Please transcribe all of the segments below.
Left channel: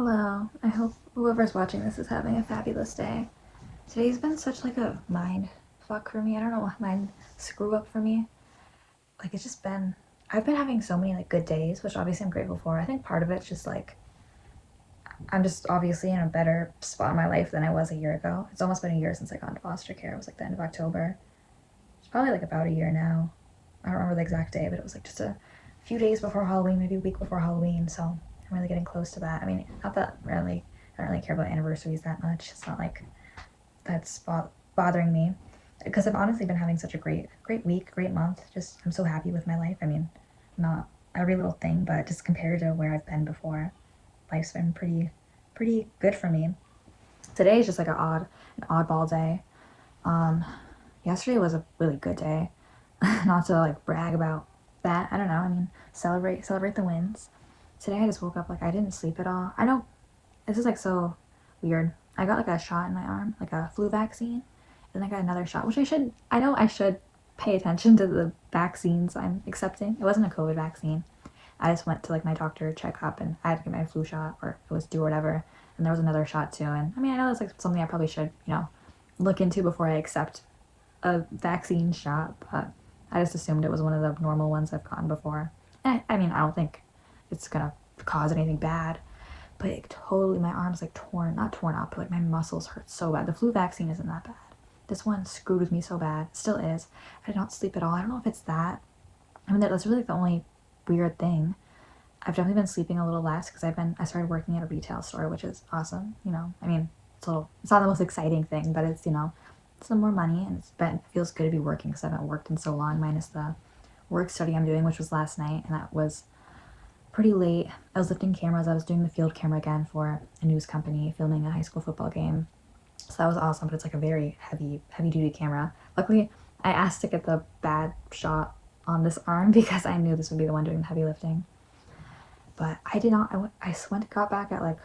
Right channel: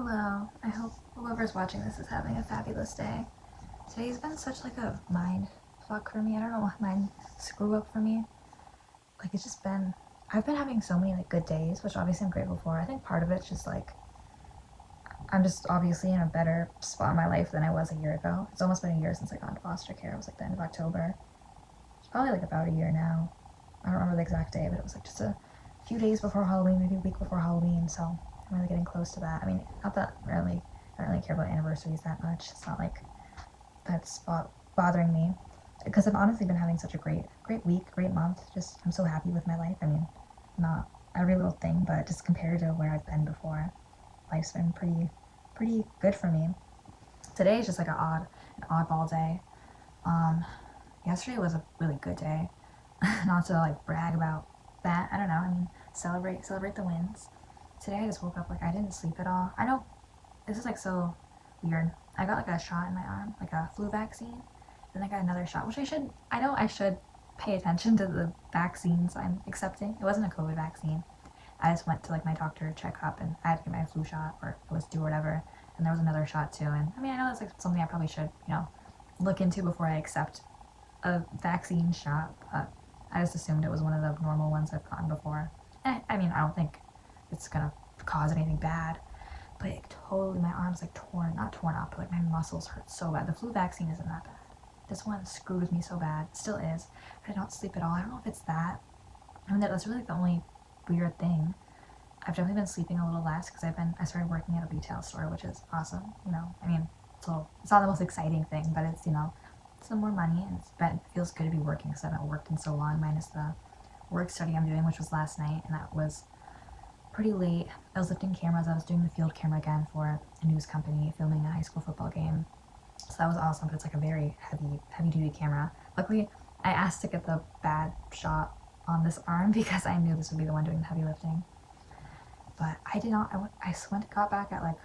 Hello. I hope whoever's watching this is having a fabulous day. Today's been such like a mind fuck for me. I don't know what mind screw up for me. Like it's just been I've been having so many like good days, which obviously I'm grateful for. I think part of it's just like I'm just obviously in a better spot in my life than I was a year ago. It's almost been a year since I got into foster care. It was like the end of October. It's probably like about a year now. I don't remember the exact day, but it was like just a few days before Halloween, maybe a week before Halloween. So I'm really getting close to that. I mean, not that really, I don't really care about anniversaries that much. It's not like that's bothering me because I've honestly been having such a great week, great month. Just I'm so happy with my life. I mean, not every little thing, but just compared to where I've been before, life's been pretty good for me. Today is just like an oddball day. Um, Yesterday was a really good day. Not to like brag about that. I don't know. I mean, celebrate the wins. Today I just woke up like I didn't sleep at all. I know this is like so weird. I got like a shot in my arm, like a flu vaccine, and I got another shot, which I know I should pay attention to the vaccines I'm accepting. It wasn't a COVID vaccine. I just went to like my doctor checkup and I had to get my flu shot or it was due or whatever. And there was another shot too. And I mean, I know that's like something I probably should, look into before I accept a vaccine shot, but I just assumed it was one of the normal ones I've gotten before. And I mean, I don't think it's gonna cause anything bad, but it totally, my arm's like torn, not torn up, but like my muscles hurt so bad. The flu vaccine isn't that bad. This one screwed with me so bad. It still is. I don't sleep at all. I don't know if it's that. I mean, that's really the only weird thing. I've definitely been sleeping a little less because I started working at a retail store, which is awesome. I mean, it's not the most exciting thing, but it's some more money and it feels good to be working because I haven't worked in so long, minus the work study I'm doing, which was last night, and that was pretty late. I was lifting cameras. I was doing the field camera again for a news company, filming a high school football game. So that was awesome, but it's like a very heavy duty camera. Luckily, I asked to get the bad shot on this arm because I knew this would be the one doing the heavy lifting. But I did not. Got back at like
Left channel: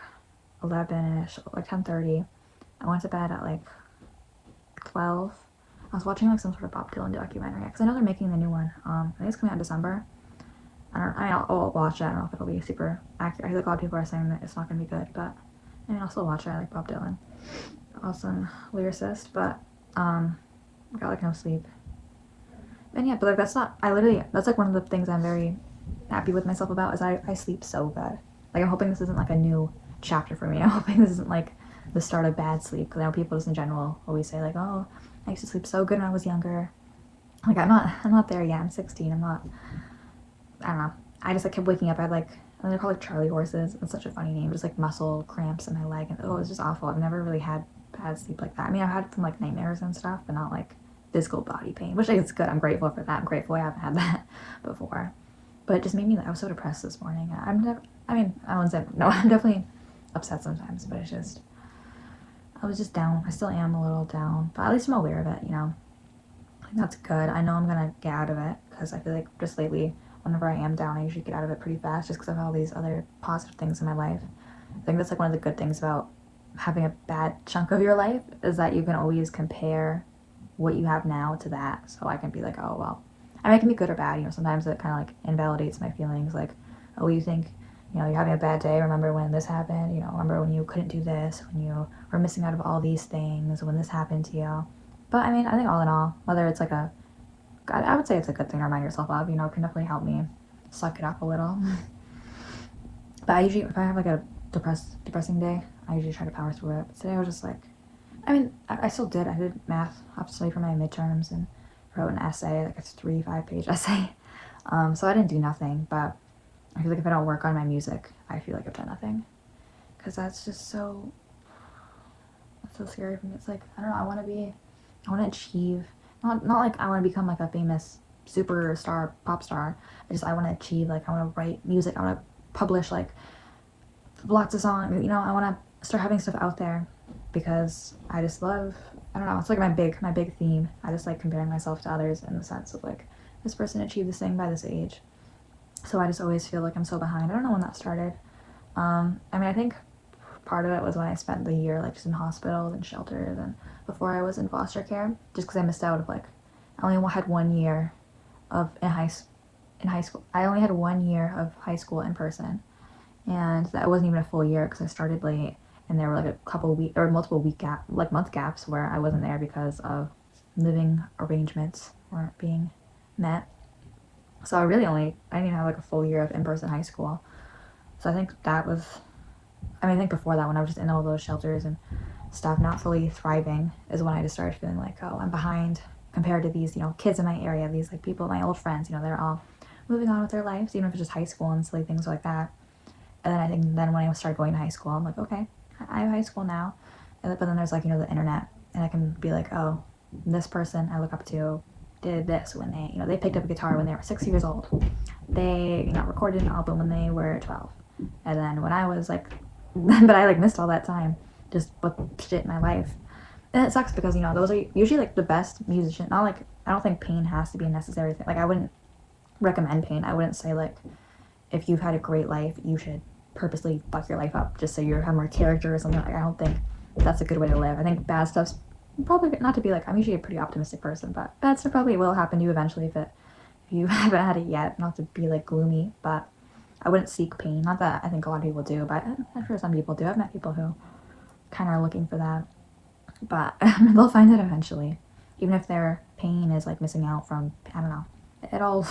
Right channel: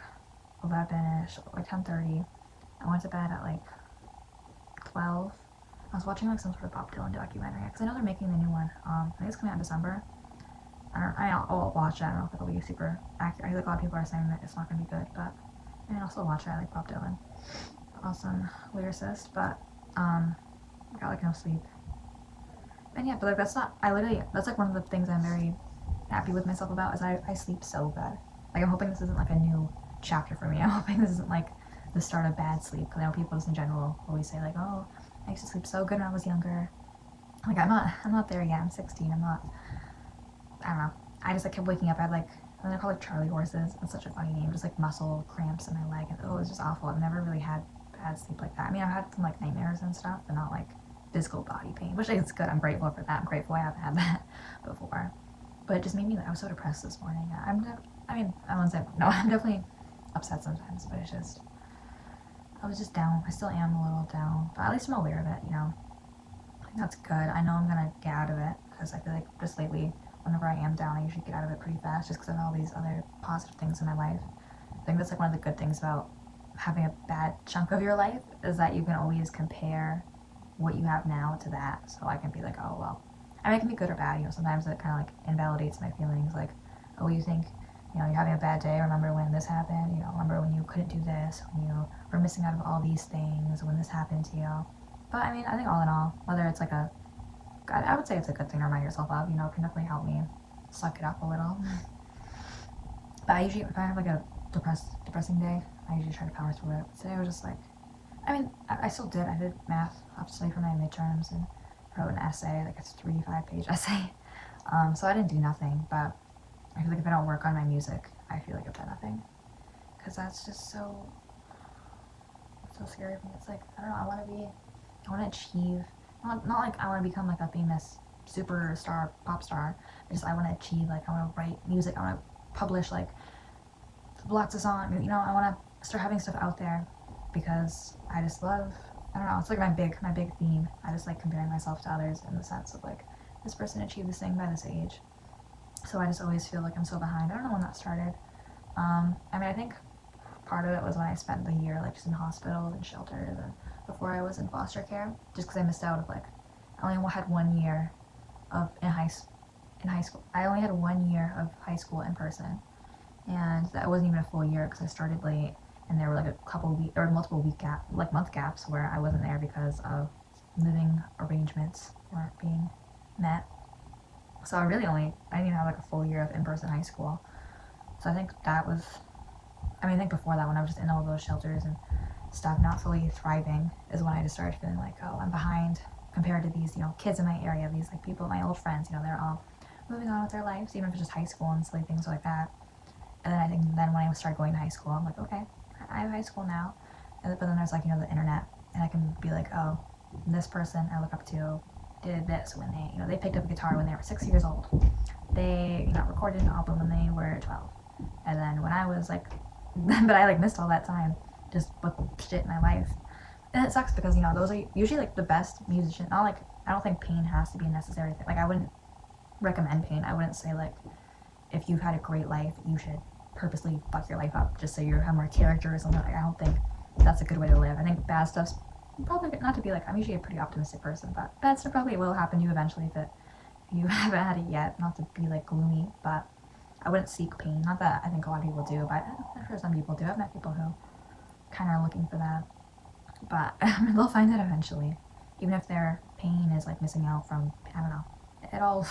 11ish, like 10:30. I went to bed at like 12. I was watching like some sort of Bob Dylan documentary because I know they're making the new one. I think it's coming out in December. I'll watch it. I don't know if it'll be super accurate. I feel like a lot of people are saying that it's not going to be good, but I mean, I'll still watch it. I like Bob Dylan. Awesome lyricist, but I got like no sleep. And yeah, but like that's like one of the things I'm very happy with myself about is I sleep so good. Like I'm hoping this isn't like a new chapter for me. I'm hoping this isn't like the start of bad sleep because I know people just in general always say like, oh, I used to sleep so good when I was younger. Like I'm not there yet. I'm 16. I don't know. I just like kept waking up. I had like, and they're called like Charlie horses. It's such a funny name. Just like muscle cramps in my leg, and oh, it was just awful. I've never really had bad sleep like that. I mean, I've had some like nightmares and stuff, but not like physical body pain, which is good. I'm grateful for that. I'm grateful I haven't had that before. But it just made me. I was so depressed this morning. I mean, I won't say no. I'm definitely upset sometimes, but it's just. I was just down. I still am a little down, but at least I'm aware of it. I think that's good. I know I'm gonna get out of it because I feel like just lately whenever I am down, I usually get out of it pretty fast just because of all these other positive things in my life. I think that's like one of the good things about having a bad chunk of your life is that you can always compare what you have now to that. So I can be like, oh, well, I mean, it can be good or bad. Sometimes it kind of like invalidates my feelings. Like, oh, you think, you're having a bad day. Remember when this happened? Remember when you couldn't do this, when you were missing out of all these things, when this happened to you. But I mean, I think all in all, whether it's like I would say it's a good thing to remind yourself of, it can definitely help me suck it up a little. But I usually, if I have like a depressing day, I usually try to power through it. But today I was just like, I mean, I still did. I did math up to study for my midterms and wrote an essay, like a 3-5 page essay. So I didn't do nothing, but I feel like if I don't work on my music, I feel like I've done nothing. Because that's just it's so scary for me. It's like, I don't know, I want to achieve, not like I want to become like a famous superstar, pop star. I want to achieve, like, I want to write music, I want to publish, like, lots of songs, I want to start having stuff out there because I just love, I don't know, it's like my big theme. I just like comparing myself to others in the sense of like, this person achieved this thing by this age. So I just always feel like I'm so behind. I don't know when that started. I mean, I think part of it was when I spent the year like just in hospitals and shelters and before I was in foster care, just because I missed out of like, I only had 1 year in high school. I only had 1 year of high school in person, and that wasn't even a full year because I started late, and there were like a couple week or multiple week gap, like month gaps where I wasn't there because of living arrangements weren't being met. So I didn't even have like a full year of in-person high school. So I think that was, I mean, I think before that, when I was just in all those shelters and stuff, not fully thriving, is when I just started feeling like, oh, I'm behind compared to these, kids in my area, these like people, my old friends, they're all moving on with their lives, even if it's just high school and silly things like that. And then I think then when I started going to high school, I'm like, okay, I have high school now. But then there's like, the internet, and I can be like, oh, this person I look up to did this when they picked up a guitar when they were 6 years old. They, recorded an album when they were 12. And then when I was like, but I like missed all that time just with shit in my life. And it sucks because, those are usually like the best musicians. Not like, I don't think pain has to be a necessary thing. Like, I wouldn't recommend pain. I wouldn't say like, if you've had a great life, you should purposely fuck your life up just so you have more character or something. Like, I don't think that's a good way to live. I think bad stuff's probably, not to be like, I'm usually a pretty optimistic person, but bad stuff probably will happen to you eventually if you haven't had it yet. Not to be like gloomy, but I wouldn't seek pain. Not that I think a lot of people do, but I'm sure some people do. I've met people who kind of are looking for that, but they'll find it eventually, even if their pain is like missing out from, I don't know. It all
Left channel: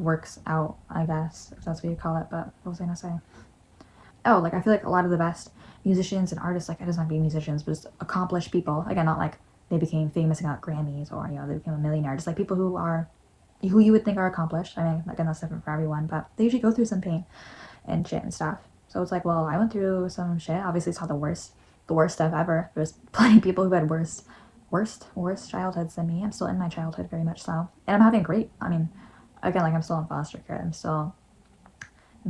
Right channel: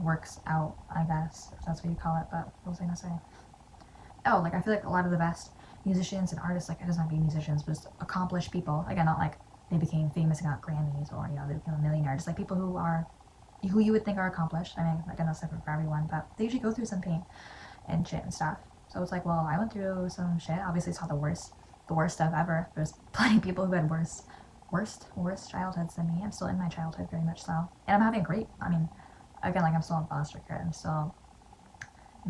works out, I guess, if that's what you call it. But what was I gonna say? Oh, like I feel like a lot of the best musicians and artists, like it doesn't have to be musicians, but just accomplished people. Again, not like they became famous and got Grammys or they became a millionaire. Just like people who you would think are accomplished. I mean, again, that's different for everyone, but they usually go through some pain and shit and stuff. So it's like, well, I went through some shit. Obviously, it's not the worst stuff ever. There's plenty of people who had worst childhoods than me. I'm still in my childhood very much so, and I'm having great. I mean, again, like I'm still in foster care.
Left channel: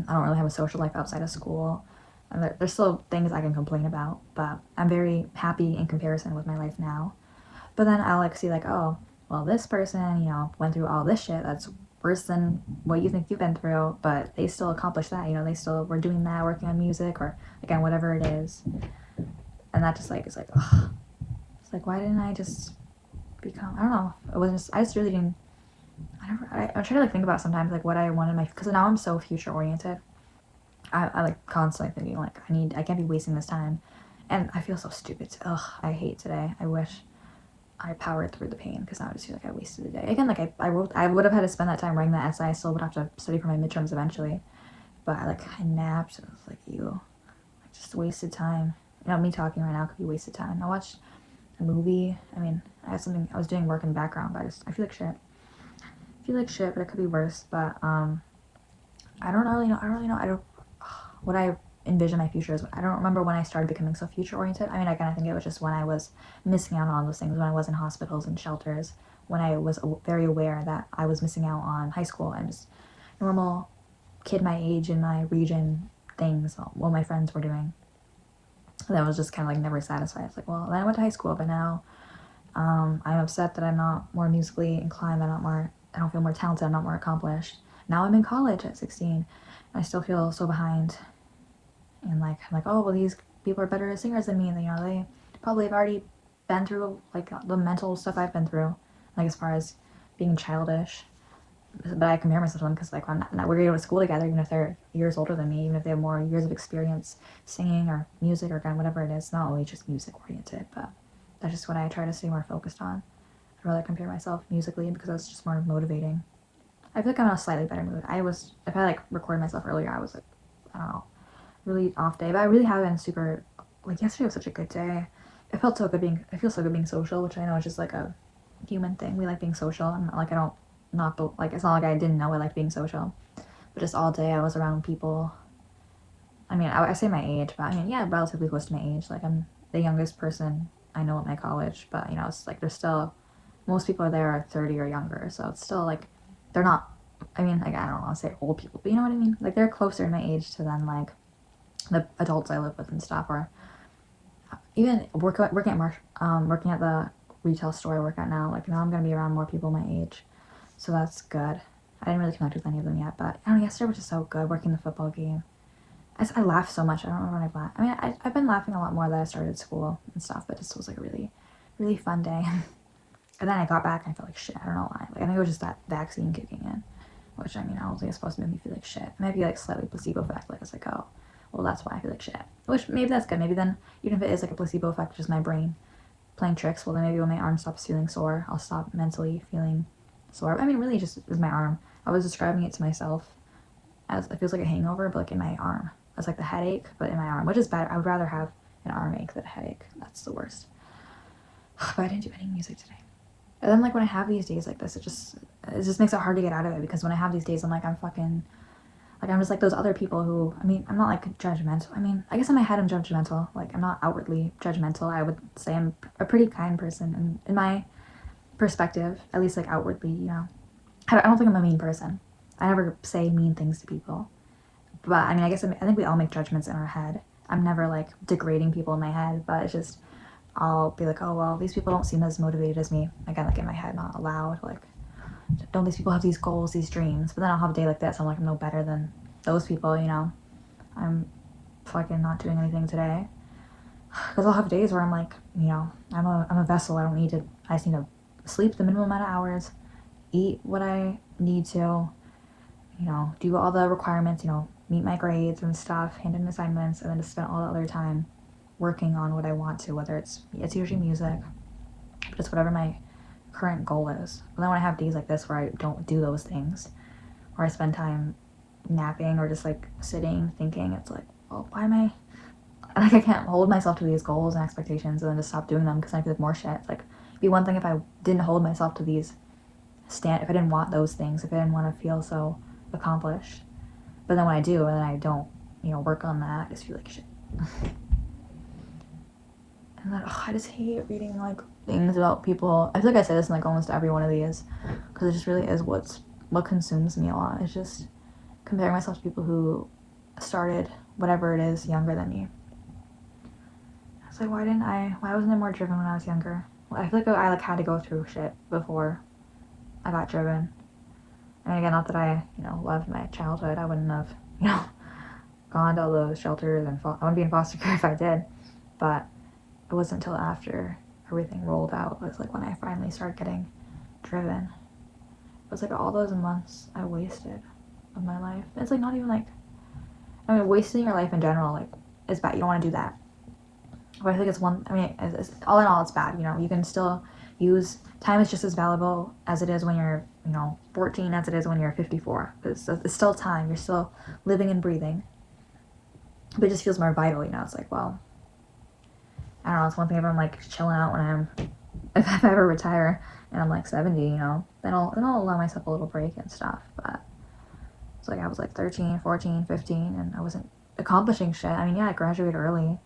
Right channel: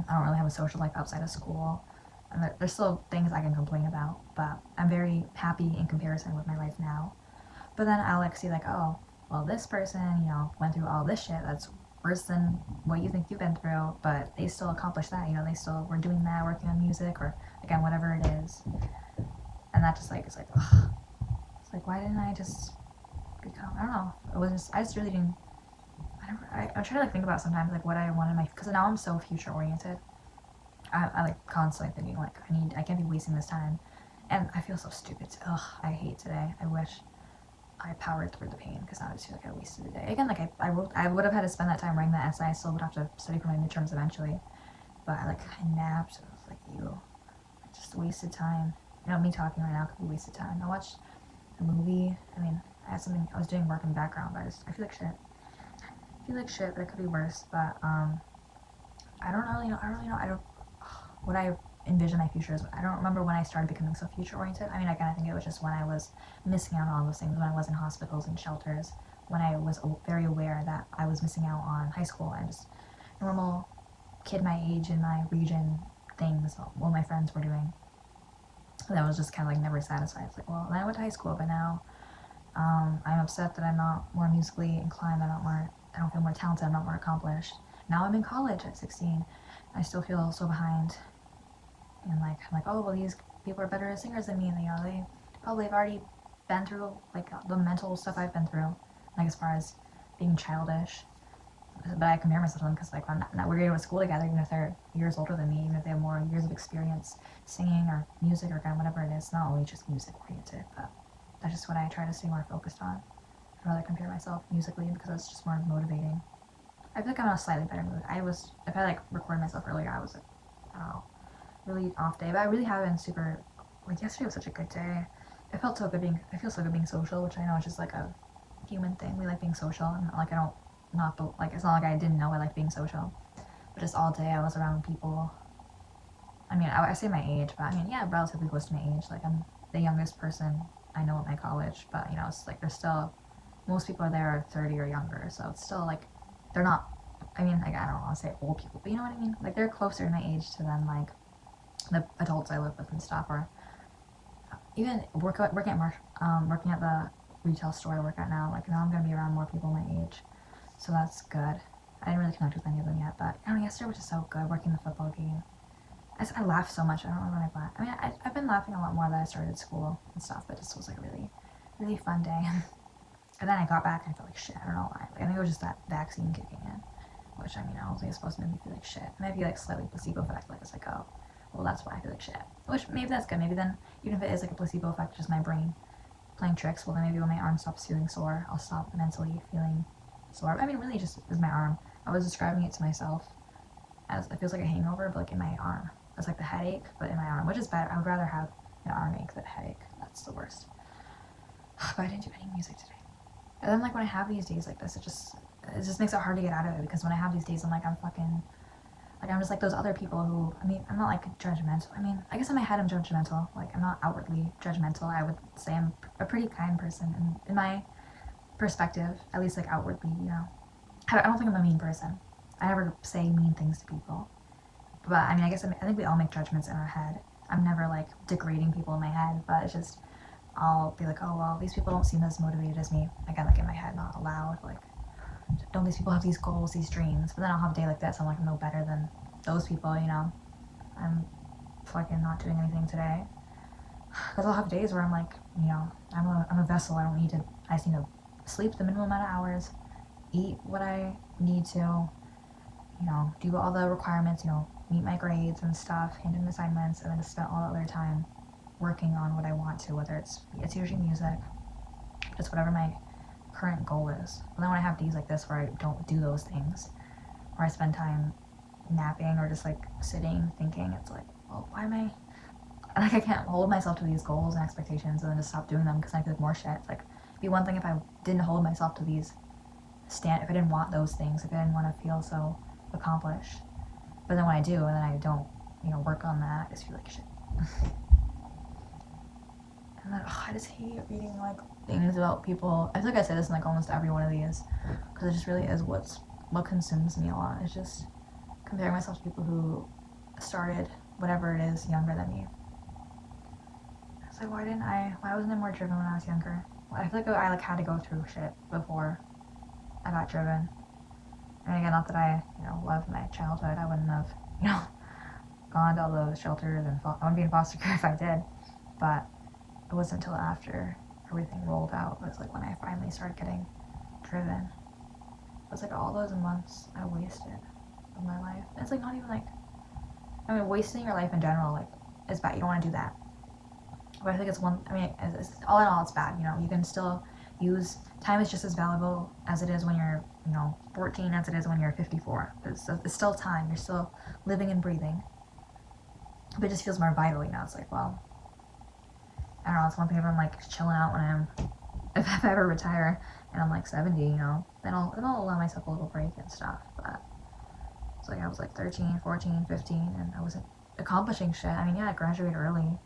I don't really have a social life outside of school. And there's still things I can complain about, but I'm very happy in comparison with my life now. But then I'll like see like, oh, well, this person, went through all this shit that's worse than what you think you've been through, but they still accomplished that. They still were doing that, working on music or again whatever it is. And that just like is like, ugh. It's like, why didn't I just become? I don't know. I just really didn't. I try to like think about sometimes like what I want in my, because now I'm so future oriented. I like constantly thinking like I can't be wasting this time, and I feel so stupid. Ugh, I hate today. I wish I powered through the pain because now I just feel like I wasted the day. Again, like I would have had to spend that time writing that essay. I still would have to study for my midterms eventually, but I napped. I was like, I just wasted time. Me talking right now could be wasted time. I watched a movie. I mean, I was doing work in the background, but I feel like shit. But it could be worse. But I don't really know. I don't what I envision my future is. I don't remember when I started becoming so future oriented. I mean, again, I think it was just when I was missing out on all those things, when I was in hospitals and shelters, when I was very aware that I was missing out on high school and just normal kid my age in my region things what my friends were doing. That was just kind of like never satisfied. It's like, well, then I went to high school, but now I'm upset that I'm not more musically inclined. I don't feel more talented. I'm not more accomplished. Now I'm in college at 16. I still feel so behind. And like, I'm like, oh, well, these people are better as singers than me. And, they probably have already been through like the mental stuff I've been through, like as far as being childish. But I compare myself to them because like we're going to school together, even if they're years older than me, even if they have more years of experience singing or music or kind of whatever it is. It's not always just music oriented, but that's just what I try to stay more focused on. I'd rather compare myself musically because that's just more motivating. I feel like I'm in a slightly better mood. If I like recorded myself earlier, I was like, I don't know, really off day, but I really have been super, like yesterday was such a good day. It feel so good being social, which I know is just like a human thing. We like being social, and like I don't, not, like it's not like I didn't know I liked being social, but just all day I was around people. I mean, I say my age, but I mean, yeah, relatively close to my age. Like I'm the youngest person I know at my college, but it's like there's still, most people are there are 30 or younger, so it's still like, they're not, I mean, like I don't want to say old people, but you know what I mean? Like they're closer in my age to then like the adults I live with and stuff, or even working at the retail store I work at now. Like now I'm gonna be around more people my age, so that's good. I didn't really connect with any of them yet, but yesterday was just so good working the football game. I laughed so much. I don't remember when I laughed. I mean, I've been laughing a lot more that I started school and stuff, but this was like a really, really fun day. And then I got back and I felt like shit. I don't know why. Like I think it was just that vaccine kicking in. which I mean, I don't think it's supposed to make me feel like shit. It might be like slightly placebo effect, like it's like, oh, well, that's why I feel like shit. Which maybe that's good. Maybe then, even if it is like a placebo effect, just my brain playing tricks, well, then maybe when my arm stops feeling sore, I'll stop mentally feeling sore. I mean, really, just is my arm. I was describing it to myself as it feels like a hangover, but like in my arm. It's like the headache, but in my arm, which is bad. I would rather have an arm ache than a headache. That's the worst. But I didn't do any music today. And then like when I have these days like this, it just makes it hard to get out of it, because when I have these days, I'm like, I'm fucking, like, I'm just like those other people who, I mean, I'm not like judgmental. I mean, I guess in my head I'm judgmental. Like, I'm not outwardly judgmental. I would say I'm a pretty kind person, and in my perspective, at least like outwardly, you know, I don't think I'm a mean person. I never say mean things to people. But I mean, I guess I think we all make judgments in our head. I'm never like degrading people in my head, but it's just, I'll be like, oh, well, these people don't seem as motivated as me. Again, like in my head, not aloud. Like, don't these people have these goals, these dreams? But then I'll have a day like this. I'm like, I'm no better than those people, you know? I'm fucking not doing anything today. Because I'll have days where I'm like, you know, I'm a vessel. I just need to sleep the minimum amount of hours, eat what I need to, you know, do all the requirements, you know, meet my grades and stuff, hand in assignments, and then just spend all the other time working on what I want to, whether it's usually music, just whatever my current goal is. But then when I have days like this where I don't do those things, or I spend time napping or just like sitting thinking, it's like, well, why am I, like, I can't hold myself to these goals and expectations and then just stop doing them because I feel like more shit. It's like, it'd be one thing if I didn't hold myself to these if I didn't want those things, if I didn't want to feel so accomplished. But then when I do and then I don't, you know, work on that, I just feel like shit. And then, I just hate reading like things about people. I feel like I say this in like almost every one of these, because it just really is what consumes me a lot. It's just comparing myself to people who started whatever it is younger than me. It's like, why wasn't I more driven when I was younger? Well, I feel like I like had to go through shit before I got driven. And again, not that I, you know, loved my childhood. I wouldn't have, you know, gone to all those shelters, and I wouldn't be in foster care if I did. But it wasn't until after everything rolled out, it was like when I finally started getting driven. It was like all those months I wasted of my life. It's like not even like, I mean, wasting your life in general, like, is bad. You don't want to do that. But I think it's all in all, it's bad. You know, you can still use, time is just as valuable as it is when you're, you know, 14 as it is when you're 54. It's still time. You're still living and breathing. But it just feels more vital, you know. It's like, well, I don't know, it's one thing if I'm like chilling out if I ever retire and I'm like 70, you know, then I'll allow myself a little break and stuff. But it's like I was like 13, 14, 15, and I wasn't accomplishing shit. I mean, yeah, I graduated early.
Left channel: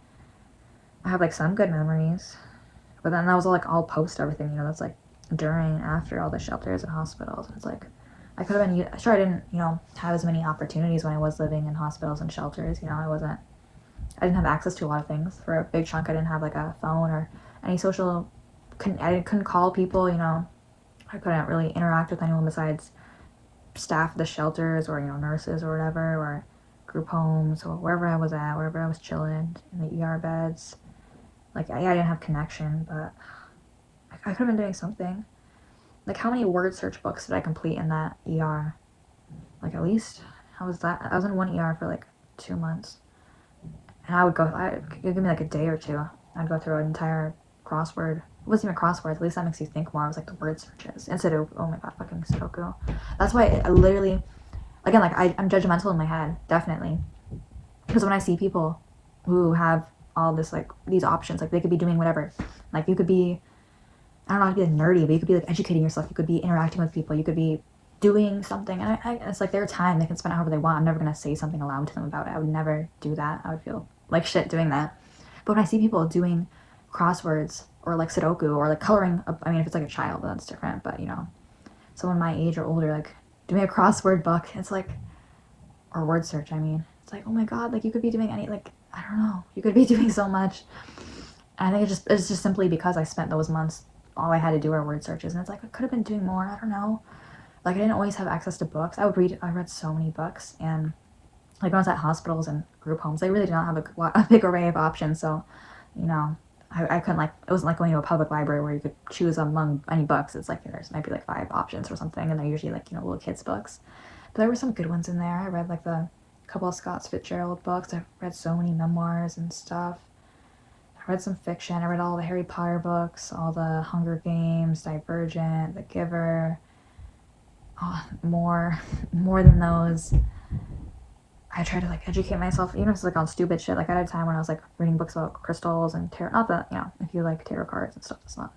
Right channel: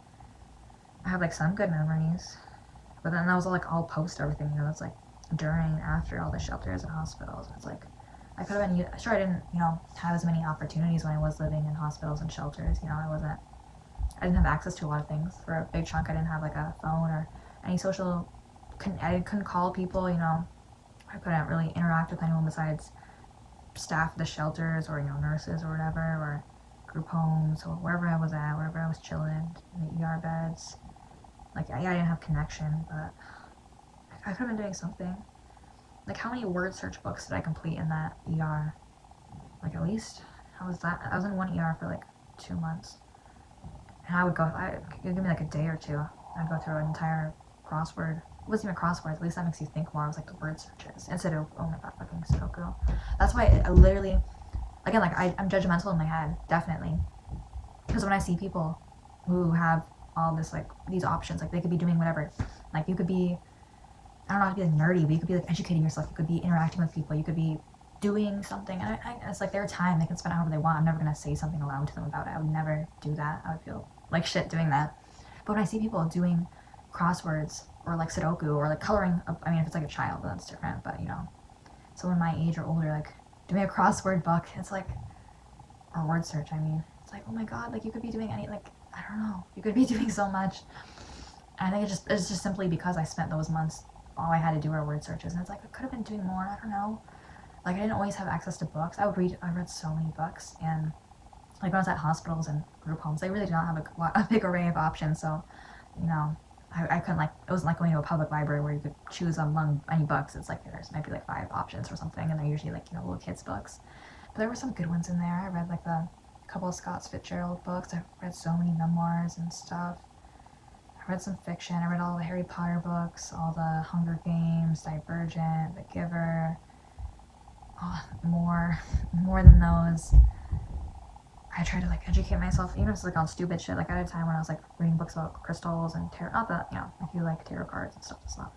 I have like some good memories, but then that was all post everything, you know. That's like during, after all the shelters and hospitals. It's like I could have been, sure, I didn't, you know, have as many opportunities when I was living in hospitals and shelters. You know, I didn't have access to a lot of things. For a big chunk, I didn't have like a phone or any social, I couldn't call people, you know. I couldn't really interact with anyone besides staff of the shelters, or, you know, nurses or whatever, or group homes, or wherever I was at, wherever I was chilling in the ER beds. Like, I didn't have connection, but I could have been doing something. Like, how many word search books did I complete in that ER? Like, at least, how was that? I was in one ER for like 2 months. And it'd give me like a day or two. I'd go through an entire crossword. It wasn't even crosswords, at least that makes you think more. It was like the word searches. And Sudoku, oh my god, fucking Sudoku. That's why I literally, again, like, I'm judgmental in my head, definitely. Because when I see people who have all this, like, these options, like, they could be doing whatever. Like, you could be, I don't know how to be like nerdy, but you could be like educating yourself. You could be interacting with people. You could be doing something. And it's like their time. They can spend it however they want. I'm never going to say something aloud to them about it. I would never do that. I would feel like shit doing that. But when I see people doing crosswords or like Sudoku or like coloring, I mean, if it's like a child, that's different. But, you know, someone my age or older, like doing a crossword book, it's like, or word search, I mean, it's like, oh my god, like, you could be doing like, I don't know, you could be doing so much. And I think it's just simply because I spent those months, all I had to do were word searches, and it's like, I could have been doing more. I don't know. Like, I didn't always have access to books. I read so many books, and like when I was at hospitals and group homes, they really did not have a big array of options. So, you know, I couldn't, like, it wasn't like going to a public library where you could choose among any books. It's like there's might be like 5 options or something, and they're usually like, you know, little kids books. But there were some good ones in there. I read like the couple of Scott Fitzgerald books. I've read so many memoirs and stuff. I read some fiction. I read all the Harry Potter books, all the Hunger Games, Divergent, The Giver. Oh, more than those. I try to like educate myself, even if it's like on stupid shit. Like I had a time when I was like reading books about crystals and tarot. Not that, you know, if you like tarot cards and stuff,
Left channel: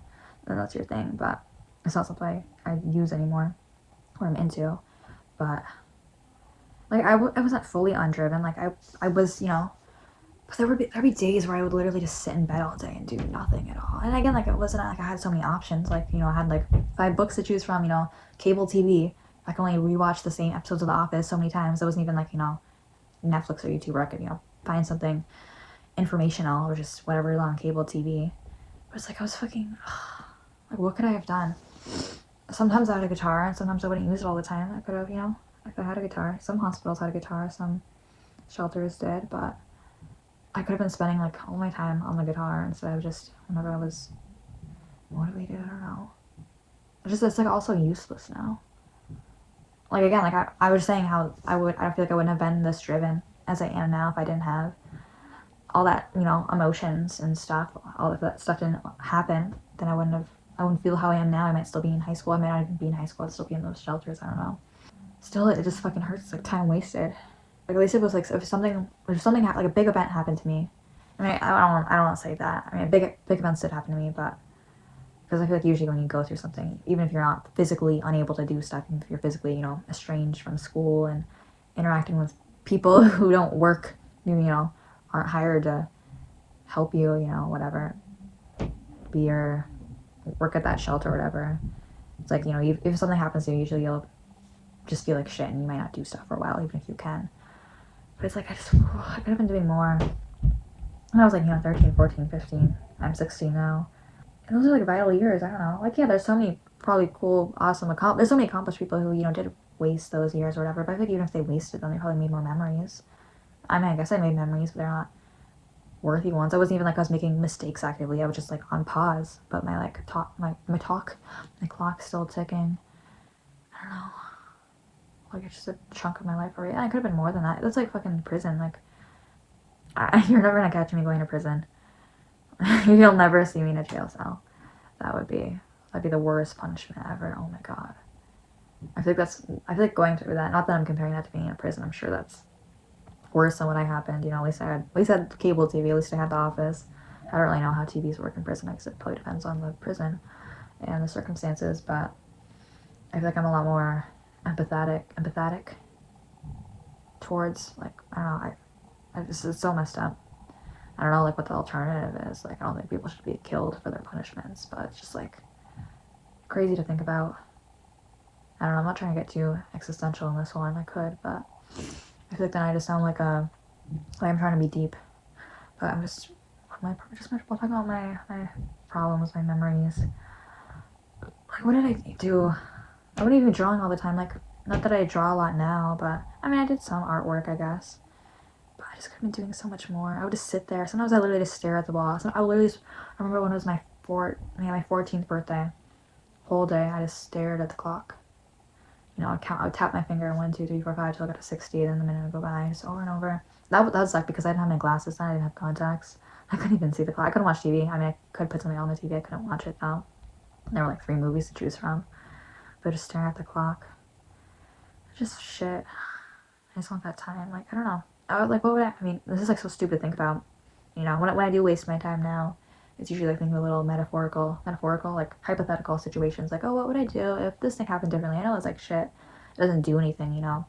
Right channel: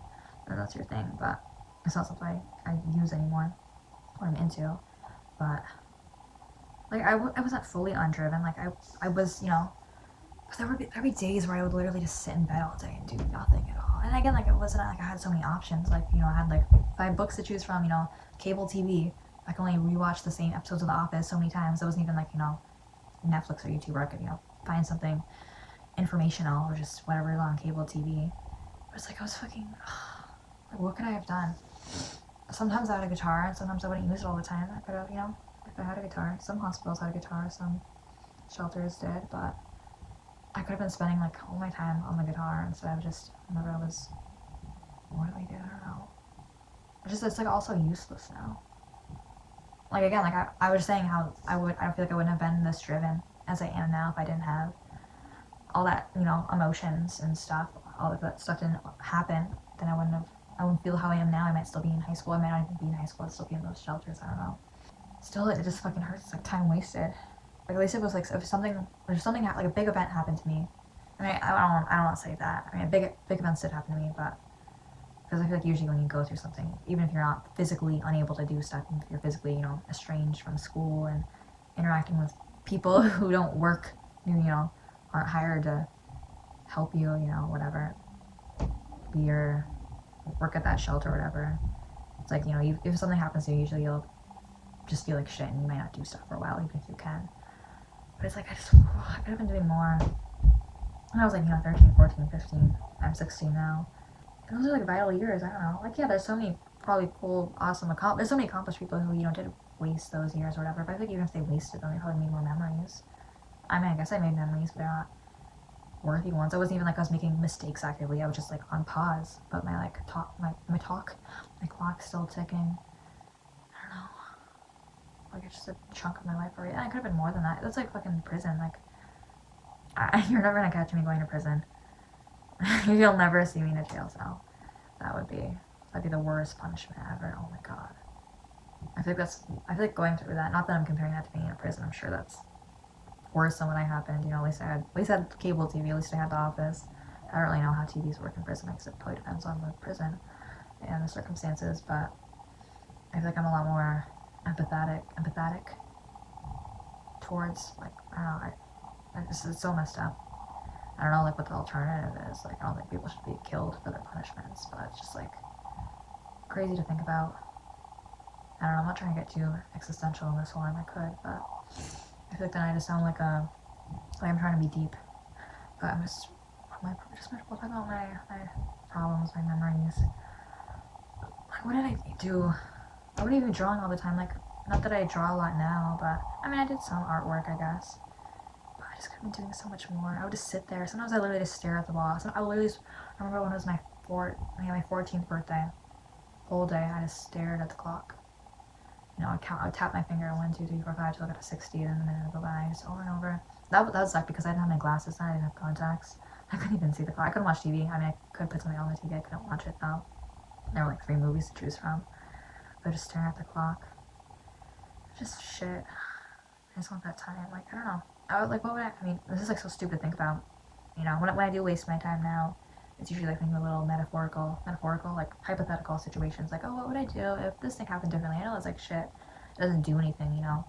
that's your thing. But it's not something I use anymore, or I'm into. But like I wasn't fully undriven. Like I was, you know. But there'd be days where I would literally just sit in bed all day and do nothing at all. And again, like it wasn't like I had so many options. Like, you know, I had like 5 books to choose from. You know, cable TV. I can only rewatch the same episodes of The Office so many times. It wasn't even like, you know, Netflix or YouTube where I could, you know, find something informational or just whatever is on cable TV. But it's like I was fucking like, what could I have done? Sometimes I had a guitar and sometimes I wouldn't use it all the time. I could have, you know, if I had a guitar. Some hospitals had a guitar, some shelters did, but I could have been spending like all my time on the guitar instead of just whenever I was motivated. I don't know. It's like also useless now. Like again, like I was saying how I feel like I wouldn't have been this driven as I am now if I didn't have all that, you know, emotions and stuff. All of that stuff didn't happen, then I wouldn't feel how I am now. I might still be in high school. I might not even be in high school. I'd still be in those shelters. I don't know. Still, it just fucking hurts. It's like time wasted. Like at least it was like if something like a big event happened to me. I mean, I don't want to say that. I mean, big events did happen to me, but because I feel like usually when you go through something, even if you're not physically unable to do stuff, if you're physically, you know, estranged from school and interacting with people who don't work, you know, aren't hired to help you, you know, whatever, be your work at that shelter or whatever. It's like, you know, if something happens to you, usually you'll just feel like shit and you might not do stuff for a while, even if you can. But it's like, I could have been doing more. When I was like, you know, 13, 14, 15. I'm 16 now. And those are like vital years. I don't know. Like, yeah, there's so many probably cool, awesome, there's so many accomplished people who, you know, did waste those years or whatever. But I think even if they wasted them, they probably made more memories. I mean, I guess I made memories, but they're not worthy ones. I wasn't even like I was making mistakes actively. I was just like on pause. But my like my clock's still ticking. I don't know. Like it's just a chunk of my life already. And it could have been more than that. That's like fucking prison. Like you're never gonna catch me going to prison. You'll never see me in a jail cell. That'd be the worst punishment ever. Oh my god. I feel like going through that. Not that I'm comparing that to being in a prison. I'm sure that's worse than what I happened. You know, at least I had cable TV. At least I had The Office. I don't really know how TVs work in prison. Because it probably depends on the prison and the circumstances. But I feel like I'm a lot more empathetic towards, like, I don't know, it's so messed up. I don't know, like, what the alternative is. Like, I don't think people should be killed for their punishments, but it's just, like, crazy to think about. I don't know, I'm not trying to get too existential in this one. I could, but I feel like then I just sound like I'm trying to be deep. But I'm just talking about my problems, my memories. Like, what did I do? I wasn't even drawing all the time. Like, not that I draw a lot now, but I mean, I did some artwork, I guess. But I just could have been doing so much more. I would just sit there. Sometimes I literally just stare at the wall. I remember when it was my 14th birthday. Whole day, I just stared at the clock. You know, I would tap my finger 1, 2, 3, 4, 5 till I got to 60, then the minute would go by, just over and over. That was like because I didn't have my glasses on, I didn't have contacts. I couldn't even see the clock. I couldn't watch TV. I mean, I could put something on the TV. I couldn't watch it though. There were like 3 movies to choose from. But just staring at the clock. Just shit. I just want that time. Like, I don't know. What would I mean, this is like so stupid to think about. You know, when I do waste my time now, it's usually like thinking of little metaphorical, like hypothetical situations. Like, oh, what would I do if this thing happened differently? I know it's like shit. It doesn't do anything, you know.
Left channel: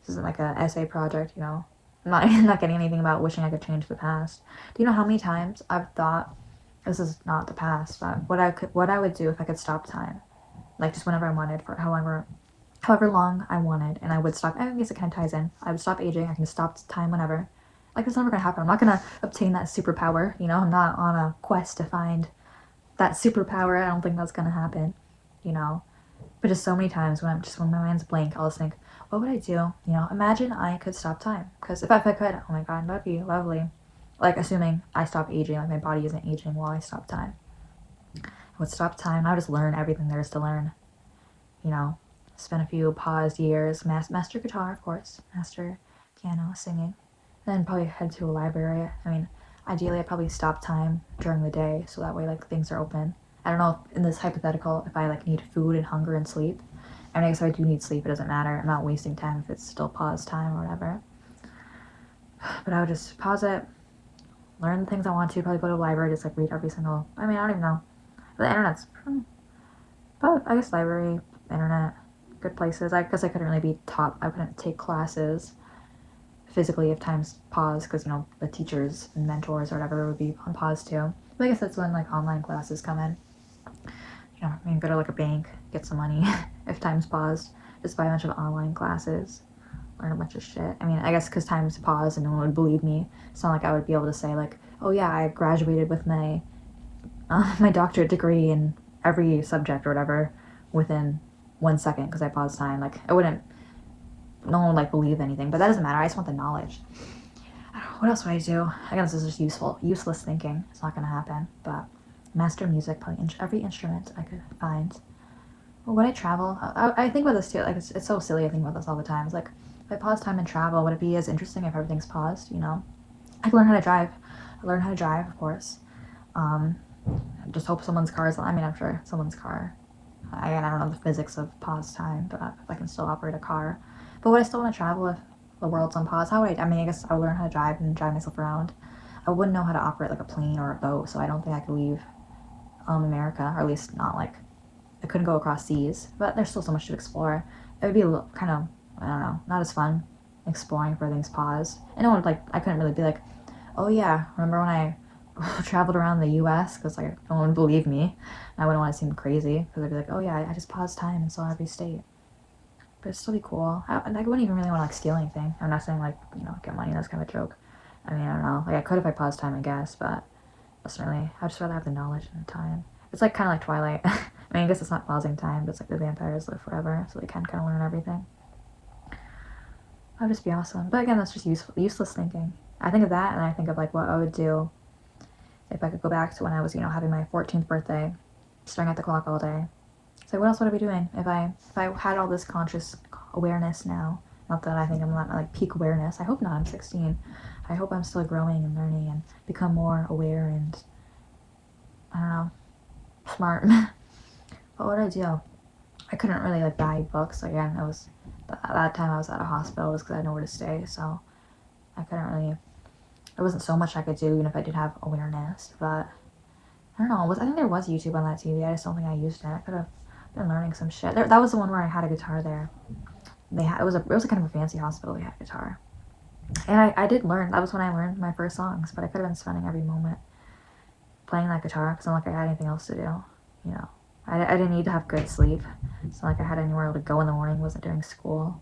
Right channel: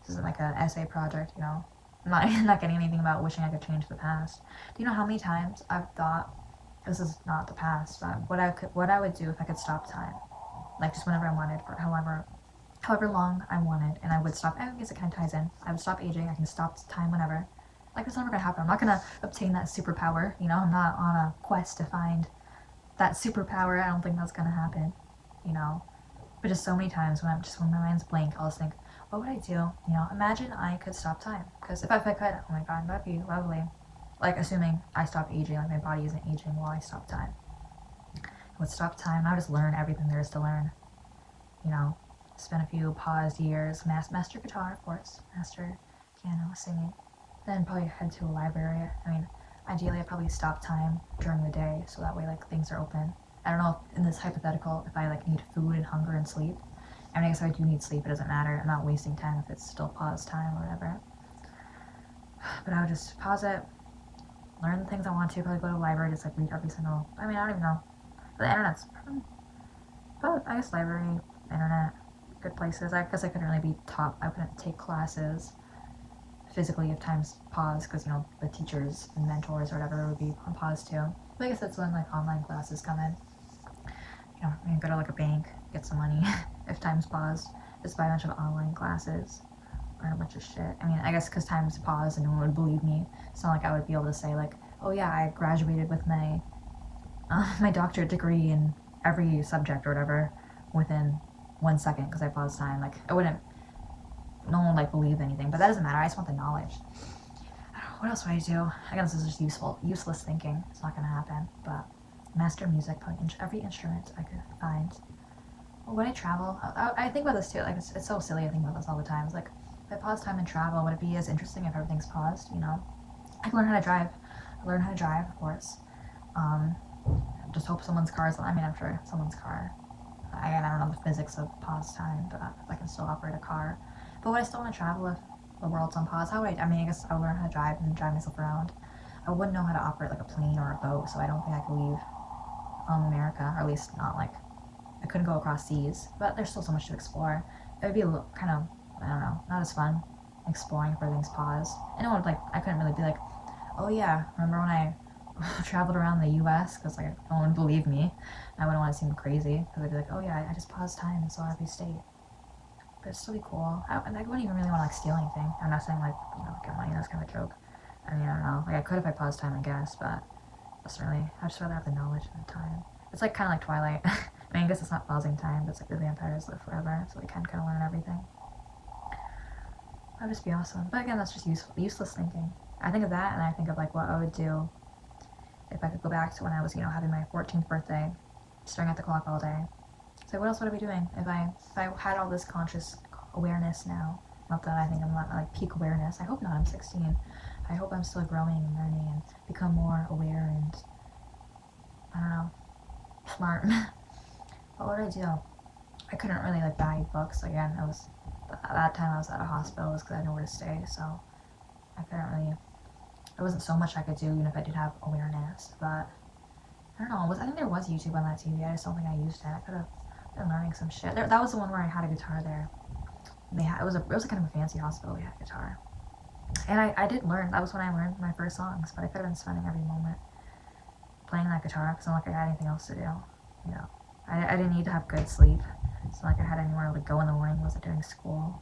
This isn't like an essay project, you know. I'm not getting anything about wishing I could change the past. Do you know how many times I've thought, this is not the past, but what I would do if I could stop time? Like, just whenever I wanted, for however long I wanted, and I would stop. I guess it kind of ties in. I would stop aging. I can stop time whenever. Like, it's never gonna happen. I'm not gonna obtain that superpower. You know, I'm not on a quest to find that superpower. I don't think that's gonna happen. You know, but just so many times when my mind's blank, I'll just think, what would I do? You know, imagine I could stop time. Because if I could, oh my god, that'd be lovely. Like, assuming I stop aging, like my body isn't aging while I stop time. I would stop time. I would just learn everything there is to learn. You know, spent a few paused years, master guitar, of course, master piano, singing. Then probably head to a library. I mean, ideally I'd probably stop time during the day so that way like things are open. I don't know if in this hypothetical if I like need food and hunger and sleep. I mean, I guess if I do need sleep, it doesn't matter. I'm not wasting time if it's still pause time or whatever. But I would just pause it, learn the things I want to, probably go to the library, just like read every single, I mean, I don't even know. The internet's, but I guess library, internet, good places. I guess I couldn't really be taught, I couldn't take classes physically if time's paused, because, you know, the teachers and mentors or whatever would be on pause too. But I guess that's when, like, online classes come in. You know, I mean, go to, like, a bank, get some money if time's paused, just buy a bunch of online classes, learn a bunch of shit. I mean, I guess because time's paused and no one would believe me, it's not like I would be able to say, like, oh yeah, I graduated with my doctorate degree in every subject or whatever within 1 second because I paused time. Like, I wouldn't, no one would like believe anything, but that doesn't matter. I just want the knowledge. I don't know, what else would I do? I guess this is just useless thinking. It's not gonna happen. But master music, playing every instrument I could find. Well, would I travel? I think about this too. Like, it's so silly. I think about this all the time. It's like, if I pause time and travel, would it be as interesting if everything's paused? You know, I could learn how to drive. I learn how to drive, of course. Just hope someone's car is, I mean, I'm sure someone's car. Again, I don't know the physics of pause time, but if I can still operate a car. But would I still want to travel if the world's on pause? How would I mean, I guess I would learn how to drive and drive myself around. I wouldn't know how to operate like a plane or a boat, so I don't think I could leave America, or at least not like, I couldn't go across seas, but there's still so much to explore. It would be a little, kind of, I don't know, not as fun exploring if everything's paused. And no one would, like, I couldn't really be like, oh yeah, remember when I traveled around the US, because like no one would believe me. I wouldn't want to seem crazy because I'd be like, oh yeah, I just paused time and saw every state. But it'd still be cool. I wouldn't even really want to like steal anything. I'm not saying like, you know, get money. That's kind of a joke. I mean, I don't know. Like, I could if I paused time, I guess, but that's really, I'd just rather have the knowledge and the time. It's like kind of like Twilight. I mean, I guess it's not pausing time, but it's like the vampires live forever, so they can kind of learn everything. That would just be awesome. But again, that's just useless thinking. I think of that, and I think of like what I would do if I could go back to when I was, you know, having my 14th birthday, staring at the clock all day. So what else would I be doing if I had all this conscious awareness now? Not that I think I'm not like peak awareness. I hope not. I'm 16. I hope I'm still growing and learning and become more aware and, I don't know, smart. What would I do? I couldn't really like buy books. Again, it was at that time I was at a hospital because I had nowhere to stay, so I couldn't really. There wasn't so much I could do, even if I did have awareness. But I don't know. I think there was YouTube on that TV. I just don't think I used it. I could have been learning some shit. That was the one where I had a guitar there. It was a kind of a fancy hospital. We had a guitar, and I did learn. That was when I learned my first songs. But I could have been spending every moment playing that guitar because it's not like I had anything else to do. You know, I didn't need to have good sleep. It's not like I had anywhere to go in the morning. Wasn't doing school.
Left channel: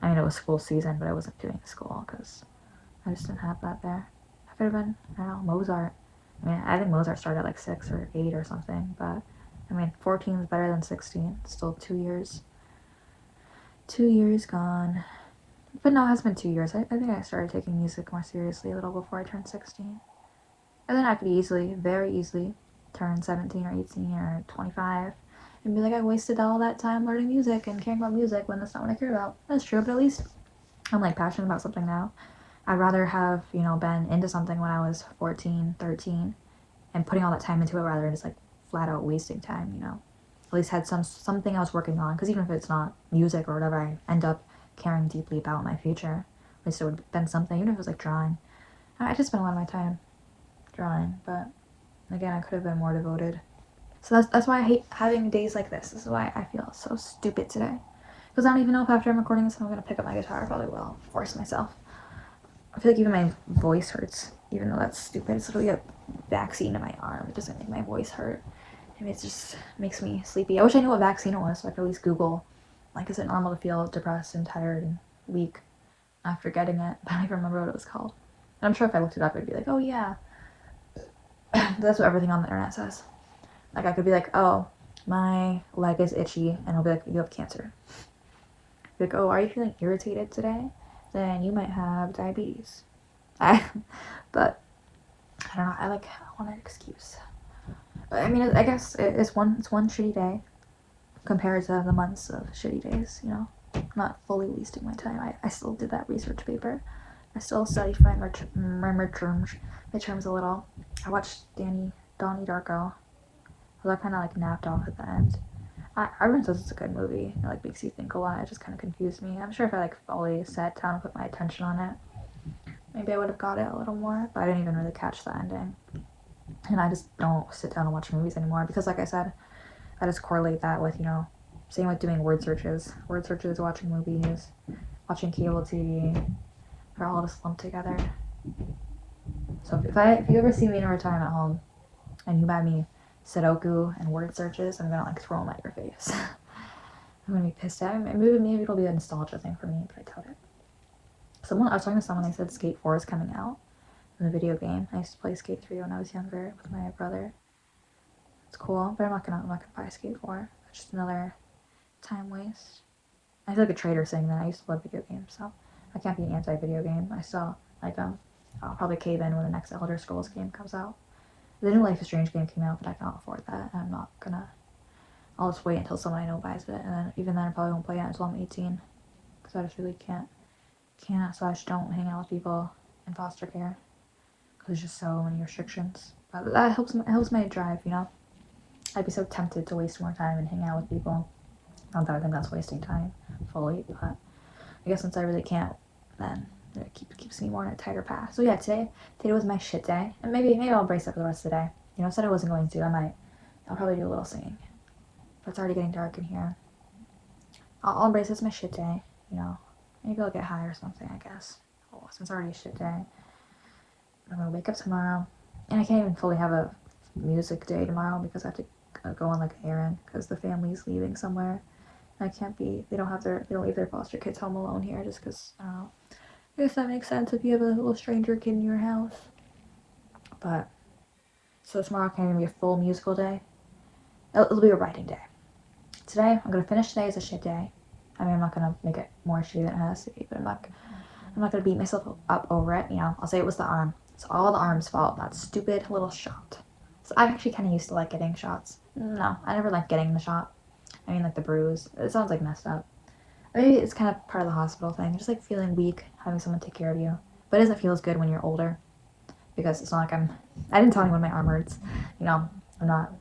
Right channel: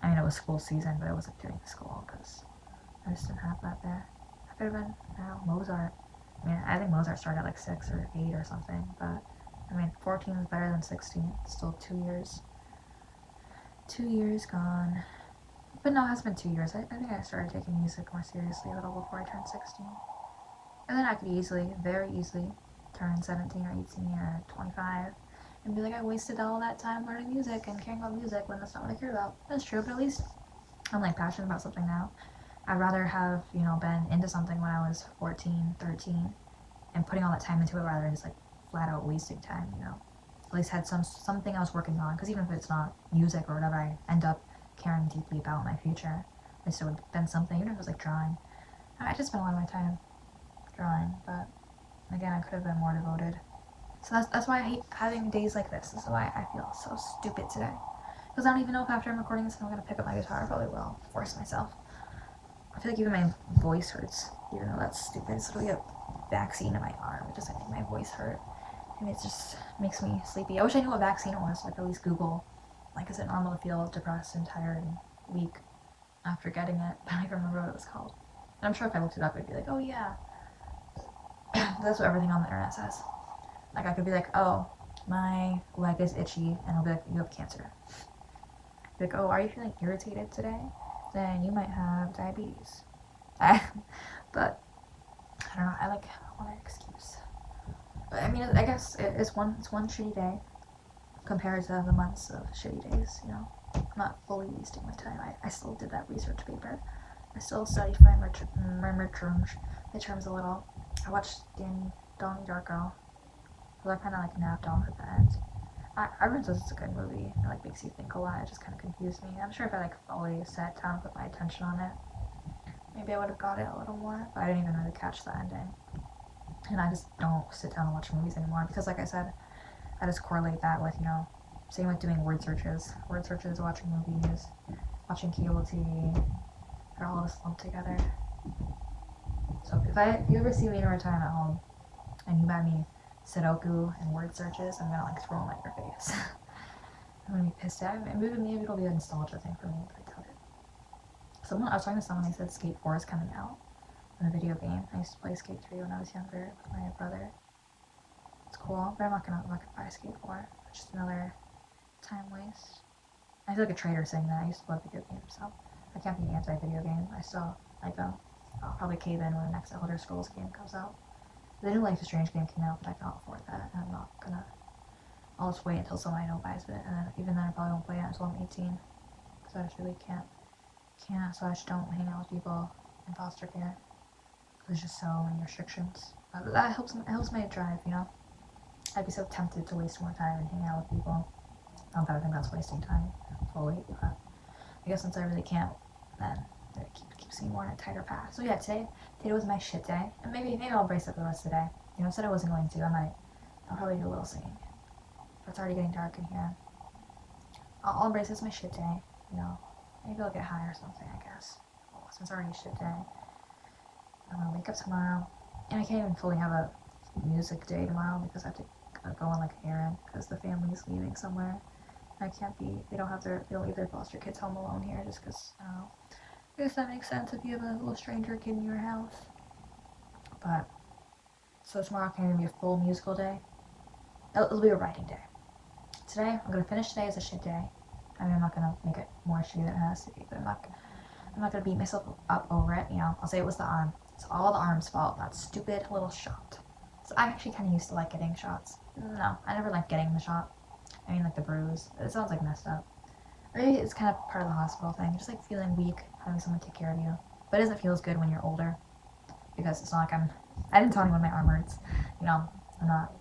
I mean, it was school season, but I wasn't doing school because I just didn't have that there. I could have been, I don't know, Mozart. I mean, I think Mozart started at like 6 or 8 or something, but I mean, 14 is better than 16. Still 2 years. 2 years gone. But no, it has been 2 years. I think I started taking music more seriously a little before I turned 16. And then I could very easily, turn 17 or 18 or 25 and be like, I wasted all that time learning music and caring about music when that's not what I care about. That's true, but at least I'm like passionate about something now. I'd rather have, you know, been into something when I was 14, 13 and putting all that time into it rather than just like flat out wasting time, you know. At least had something I was working on, because even if it's not music or whatever I end up caring deeply about in my future, at least it would have been something, even if it was like drawing. I just spent a lot of my time drawing, but again, I could have been more devoted. So that's why I hate having days like this. This is why I feel so stupid today. Because I don't even know if after I'm recording this I'm going to pick up my guitar. I probably will. Force myself. I feel like even my voice hurts. Even though that's stupid. It's literally a vaccine in my arm. It doesn't make my voice hurt. And it just makes me sleepy. I wish I knew what vaccine it was. So I could at least Google, like, is it normal to feel depressed and tired and weak after getting it? But I don't even remember what it was called. And I'm sure if I looked it up, it'd be like, oh yeah. That's what everything on the internet says. Like, I could be like, oh, my leg is itchy, and I'll be like, you have cancer. Be like, oh, are you feeling irritated today? Then you might have diabetes. But I don't know. I want an excuse. But I mean, I guess it's one shitty day. compared to the months of shitty days, you know? I'm not fully wasting my time. I still did that research paper. I still studied for my midterms a little. I watched Donnie Darko. So I kind of like napped off at the end. Everyone says it's a good movie. It like makes you think a lot. It just kind of confused me. I'm sure if I like fully sat down and put my attention on it, maybe I would have got it a little more. But I didn't even really catch the ending. And I just don't sit down and watch movies anymore because, like I said, I just correlate that with, you know, same with doing word searches, watching movies, watching cable TV. They're all just lumped together. So if you ever see me in a time at home and you buy me Sudoku and word searches, I'm gonna like throw them at your face. I'm gonna be pissed at it. Maybe it'll be a nostalgia thing for me, but I doubt it. I was talking to someone, they said Skate 4 is coming out in the video game. I used to play Skate 3 when I was younger with my brother. It's cool, but I'm not gonna buy Skate 4. It's just another time waste. I feel like a traitor saying that. I used to love video games, so I can't be anti-video game. I still like them. I'll probably cave in when the next Elder Scrolls game comes out. The new Life is Strange game came out, but I can't afford that. I'm not gonna. I'll just wait until someone I know buys it, and then even then I probably won't play it until I'm 18, because I just really can't. So I just don't hang out with people in foster care, because there's just so many restrictions. But that helps my drive, you know. I'd be so tempted to waste more time and hang out with people. Not that I think that's wasting time fully, but I guess since I really can't, then it keeps me more in a tighter path. So yeah, today was my shit day, and maybe I'll brace up for the rest of the day. You know, I said I wasn't going to. I'll probably do a little singing. But it's already getting dark in here. I'll embrace this my shit day. You know, maybe I'll get high or something. I guess. Oh, since it's already a shit day, I'm gonna wake up tomorrow, and I can't even fully have a music day tomorrow because I have to go on like an errand because the family's leaving somewhere. I can't be. They don't leave their foster kids home alone here just because. I don't know. I guess that makes sense if you have a little stranger kid in your house. But so tomorrow can't even be a full musical day. It'll be a writing day. Today I'm gonna finish today as a shit day. I mean, I'm not gonna make it more shitty than it has to be, but I'm not gonna beat myself up over it. You know, I'll say it was the arm. It's all the arm's fault. That stupid little shot. So I'm actually kind of used to like getting shots. No, I never liked getting the shot. I mean, like the bruise. It sounds like messed up. Maybe it's kind of part of the hospital thing. Just like feeling weak, having someone take care of you. But it doesn't feel as good when you're older. Because it's not like I didn't tell anyone my arm hurts. You know, I'm not.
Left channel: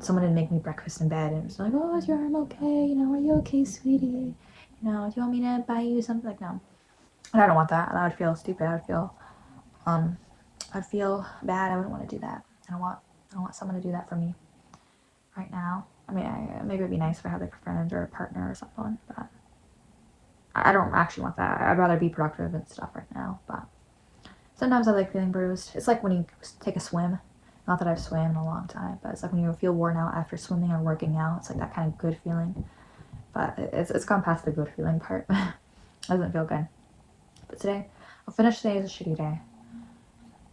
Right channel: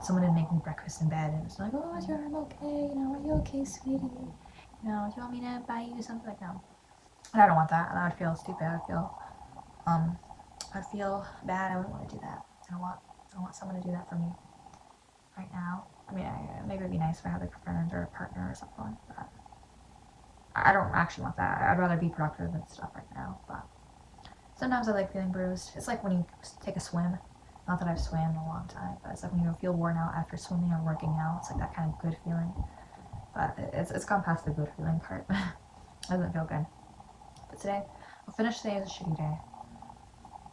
Someone didn't make me breakfast in bed and it's like, oh, is your arm okay? You know, are you okay, sweetie? You know, do you want me to buy you something? Like, no. And I don't want that. I would feel stupid. I'd feel bad. I wouldn't want to do that. I don't want someone to do that for me right now. I mean, maybe it'd be nice if I had like a friend or a partner or something, but I don't actually want that. I'd rather be productive and stuff right now, but sometimes I like feeling bruised. It's like when you take a swim. Not that I've swam in a long time, but it's like when you feel worn out after swimming or working out. It's like that kind of good feeling. But it's gone past the good feeling part. It doesn't feel good. But today, I'll finish today as a shitty day.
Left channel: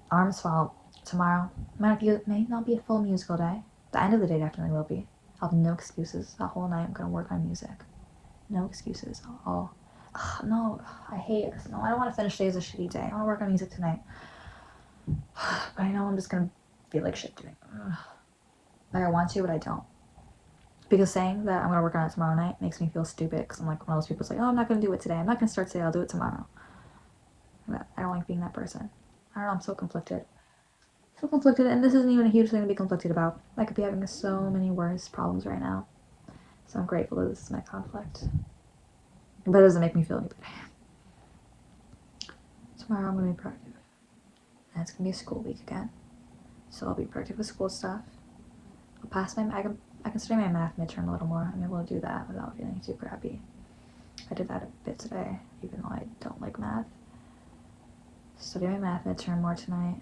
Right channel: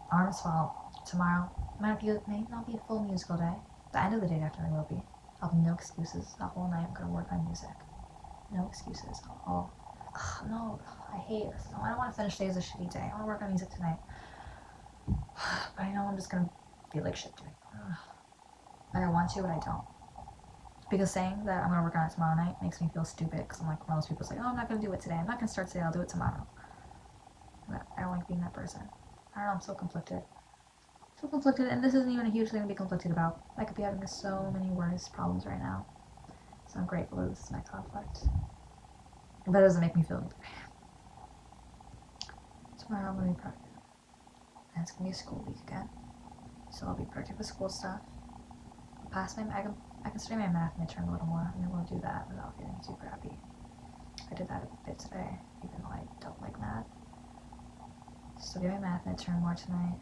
Arm's fault. Tomorrow, may not be a full musical day. The end of the day definitely will be. I'll have no excuses. The whole night I'm going to work on music. No excuses. No, I hate it. No, I don't want to finish today as a shitty day. I want to work on music tonight. But I know I'm just going to feel like shit doing it. Like I want to, but I don't. Because saying that I'm going to work on it tomorrow night makes me feel stupid. Because I'm like one of those people who's like, oh, I'm not going to do it today. I'm not going to start today. I'll do it tomorrow. I don't like being that person. I don't know. I'm so conflicted. So conflicted. And this isn't even a huge thing to be conflicted about. I could be having so many worse problems right now. So I'm grateful that this is my conflict. But it doesn't make me feel any better. Tomorrow I'm going to be productive. And it's going to be a school week again. So I'll be productive with school stuff. I'll pass I can study my math midterm a little more. I'm able to do that without feeling too crappy. I did that a bit today, even though I don't like math. Study my math midterm more tonight.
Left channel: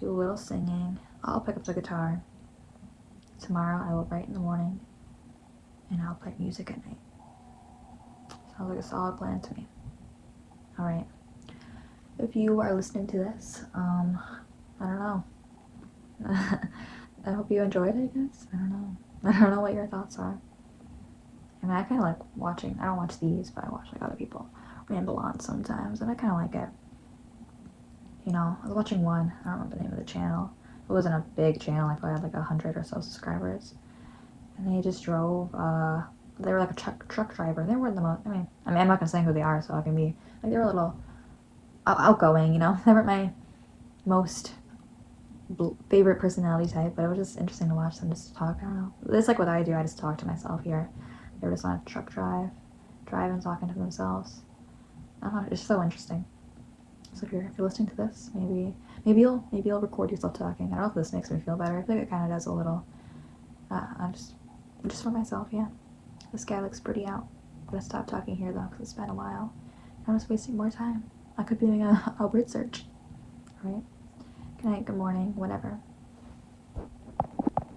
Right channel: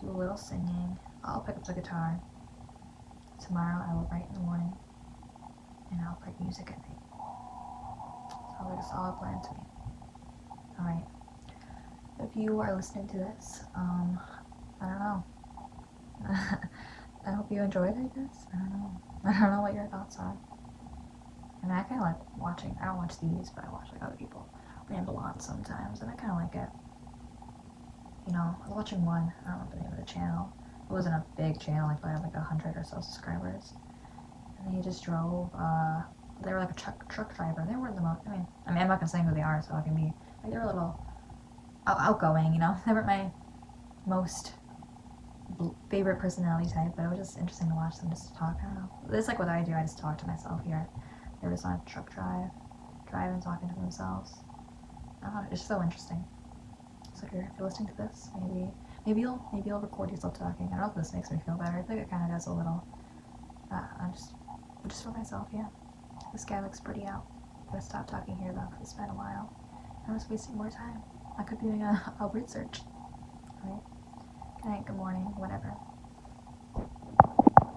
Do a little singing. I'll pick up the guitar. Tomorrow I will write in the morning. And I'll play music at night. Sounds like a solid plan to me. Alright. If you are listening to this, I don't know. I hope you enjoyed it, I guess. I don't know what your thoughts are. I mean, I kind of like watching, I don't watch these, but I watch like other people ramble on sometimes, and I kind of like it. You know, I was watching one, I don't remember the name of the channel. It wasn't a big channel, I probably had like 100 or so subscribers. and they just drove. They were like a truck driver. They weren't the most. I'm not gonna say who they are, so I can be like they were a little outgoing, you know. They weren't my most favorite personality type, but it was just interesting to watch them just talk. I don't know. It's like what I do. I just talk to myself here. They were just on a truck driving, talking to themselves. I don't know. It's just so interesting. So if you're listening to this, maybe you'll record yourself talking. I don't know if this makes me feel better. I feel like it kind of does a little. I'm just for myself, yeah. This guy looks pretty out. I'm gonna stop talking here though, because it's been a while. I'm just wasting more time. I could be doing a word search. Alright? Good night, good morning, whatever.